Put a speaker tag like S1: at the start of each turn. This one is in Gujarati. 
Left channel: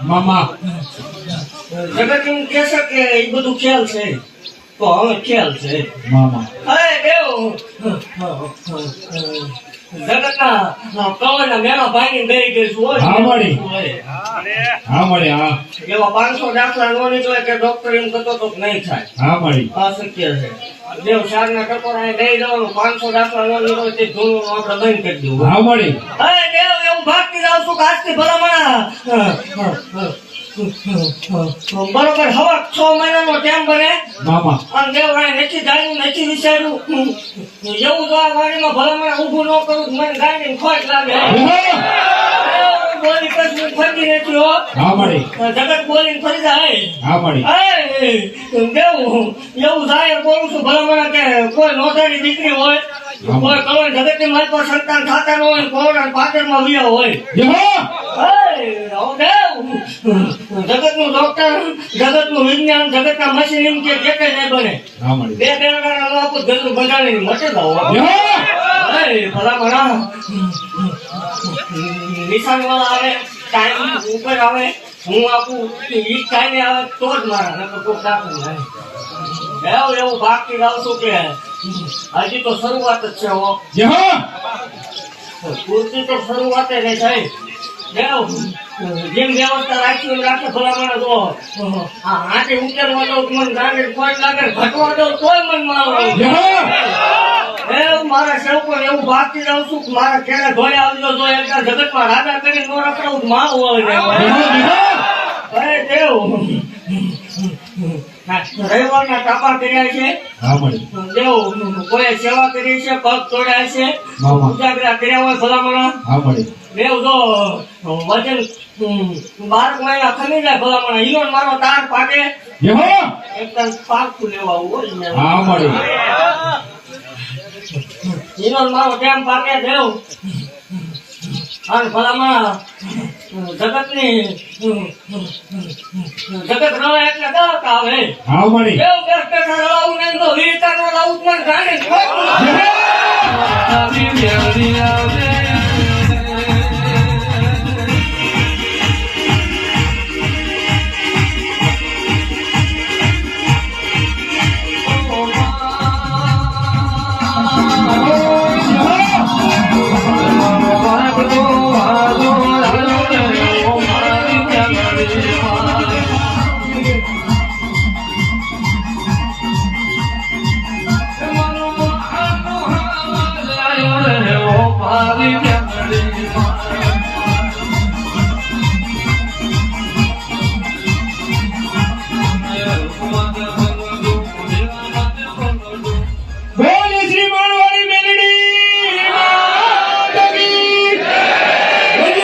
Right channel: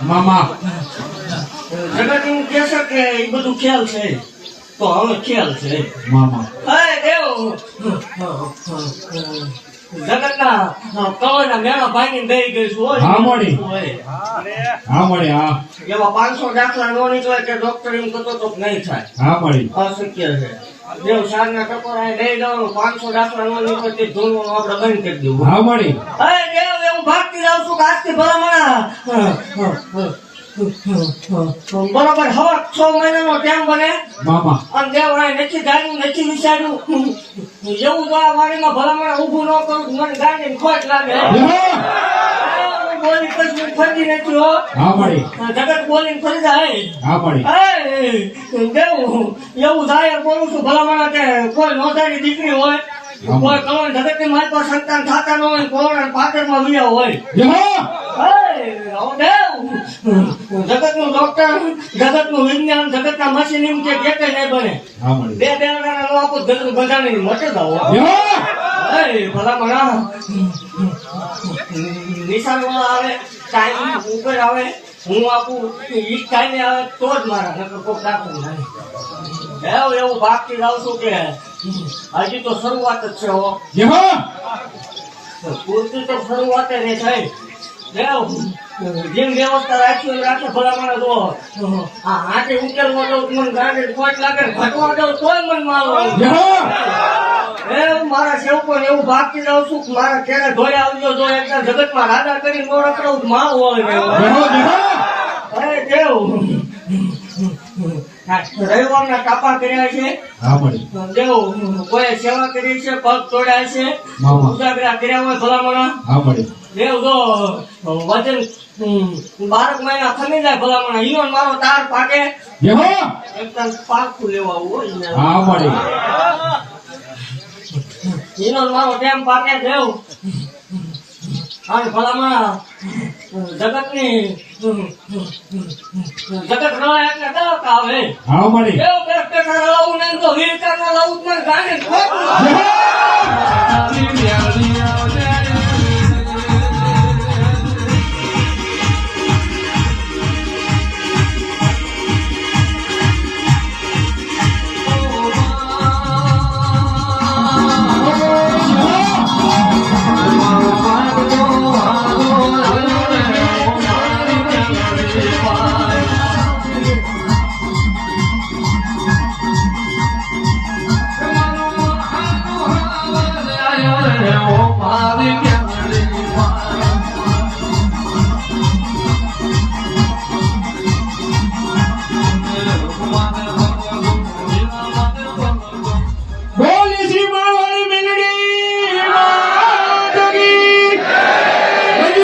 S1: મામા.
S2: જગત હું કહેશે કે એ બધું ખ્યાલ છે. તો હવે ખ્યાલ છે.
S1: મામા.
S2: અરે દેવ જગતના કવરના મેળા ભાંગીને બેહી ગઈ છું હોય.
S1: હા, મળી. હા મળી હા.
S2: એવા પાંચસો દાખલા નો નીકળે કે ડોક્ટર એમ કહેતો તો નહીં થાય.
S1: હા મળી.
S2: અશક્ય છે. દેવ સારના ટકોરા દઈ દઉં પાંચસો દાખલા નો નીકળે તે ધૂળનું આપણે બંધ કરી દેવું
S1: હા મળી.
S2: અરે દેવ એવું ભાગતી જાઉં છું કે આજથી ભલામણા. બરોબર હવે છ મહિનાનો ટાઈમ બને. અને દેવ આ નથી ગાયું નથી વિચાર્યું. એવું તો આ વાડીમાં ભલામણા ઊભું ન કરું મને ગાડી ખોટ લાગે. બોલી. પછી ફરી નથી હો. જગત બોલીને ફરી જાય.
S1: હા મળી
S2: એ દેવું એવું થાય બોલું છું ભલામણા કે કોઈ નોંધારી દીકરી હોય કોઈ કરોડ જગતની મારી પાસે સંતાન થતા ન હોય કોરોના પાટણમાં વ્યા હોય.
S1: હા.
S2: જગત નું ડોક્ટર જગતનું વિજ્ઞાન જગત ના મશીન એમ કે એક જ નહીં બને. બે બે નો આપું ગંદુ બંધાણી મટે દાવો
S1: હા
S2: ભલામણા. નિશાન વાળા આવે ટાઈમ ઉપર આવે હું આપું ઈ ટાઈમે આવે તો જ મારા નકર કોક ડાકું નહીં એવું એવું ભાગતી જાઉં છું કે હજી તો શરૂઆત જ છે હો. પૂરતી તો શરૂઆત જ થાય. દેવ જેમ વ્યવસ્થા રાખી એમ થોડા માણસ ઓહો. આ હાથે ઉકેલવા દઉં તો મને ખોટ લાગે ને ઘટવા દઉં તોય મને આવે. મારા સેવકો એવું ભાગતી જાઉં છું મારા ઘેરે ધોઈ આવજો જો એકદમ જગતમાં રાજા કરીને નો. રખડાવું માવું આવે અરે દેવ રવિવારના કાપા કર્યા છે. દેવ કોઈ સેવા કરી છે પગ તોડ્યા છે. ઉજાગરા કર્યા હોય ભલામણા. દેવ જો વજન બારક મહિના ખમી જાય ભલામણા. ઈનો મારો તાર પાકે. એકદમ પાકું લેવા આવું હોય
S1: હા મળી.
S2: ઈનો મારો ટેમ પાકે દેવ અને ભલામણા. જગતની જગત રળે એટલે દાવક આવે.
S1: હા મળી.
S2: દેવ દસ ટકા રળાવું નહીં તો રળાવું મને ખોટું.
S3: Maria